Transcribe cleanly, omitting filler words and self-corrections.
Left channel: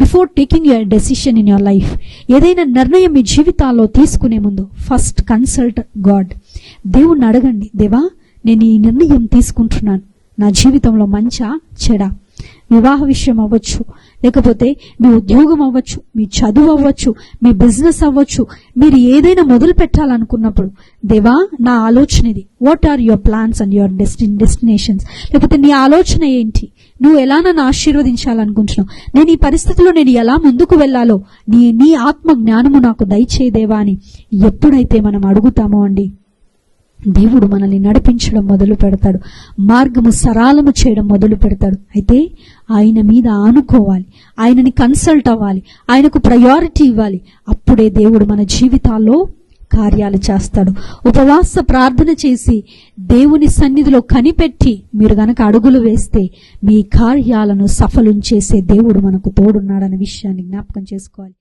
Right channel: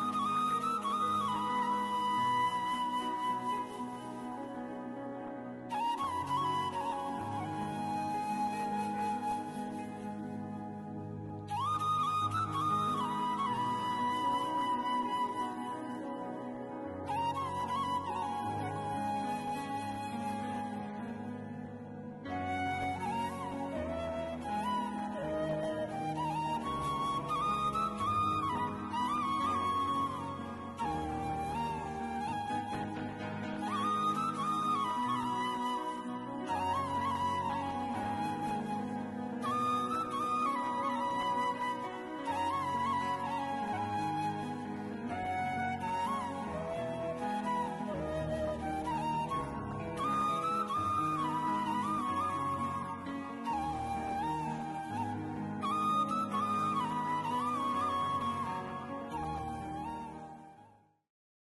Before taking your decision in your life, ఏదైనా నిర్ణయం మీ జీవితాల్లో తీసుకునే ముందు ఫస్ట్ కన్సల్ట్ గాడ్. దేవుణ్ణి అడగండి, దేవా నేను ఈ నిర్ణయం తీసుకుంటున్నాను, నా జీవితంలో మంచా చెడా, వివాహ విషయం అవ్వచ్చు, లేకపోతే మీ ఉద్యోగం అవ్వచ్చు, మీ చదువు అవ్వచ్చు, మీ బిజినెస్ అవ్వచ్చు, మీరు ఏదైనా మొదలు పెట్టాలనుకున్నప్పుడు దేవా నా ఆలోచన ఇది, what are your plans and your destinations, లేకపోతే నీ ఆలోచన ఏంటి, నువ్వు ఎలా నన్ను ఆశీర్వదించాలనుకుంటున్నావు, నేను ఈ పరిస్థితిలో నేను ఎలా ముందుకు వెళ్ళాలో నీ ఆత్మ జ్ఞానము నాకు దయచేదేవా అని ఎప్పుడైతే మనం అడుగుతామో అండి, దేవుడు మనల్ని నడిపించడం మొదలు పెడతాడు, మార్గము సరళము చేయడం మొదలు పెడతాడు. అయితే ఆయన మీద ఆనుకోవాలి, ఆయనని కన్సల్ట్ అవ్వాలి, ఆయనకు ప్రయారిటీ ఇవ్వాలి. అప్పుడే దేవుడు మన జీవితాల్లో కార్యాలు చేస్తాడు. ఉపవాస ప్రార్థన చేసి దేవుని సన్నిధిలో కనిపెట్టి మీరు గనక అడుగులు వేస్తే మీ కార్యాలను సఫలం చేసే దేవుడు మనకు తోడున్నాడనే విషయాన్ని జ్ఞాపకం చేసుకోవాలి.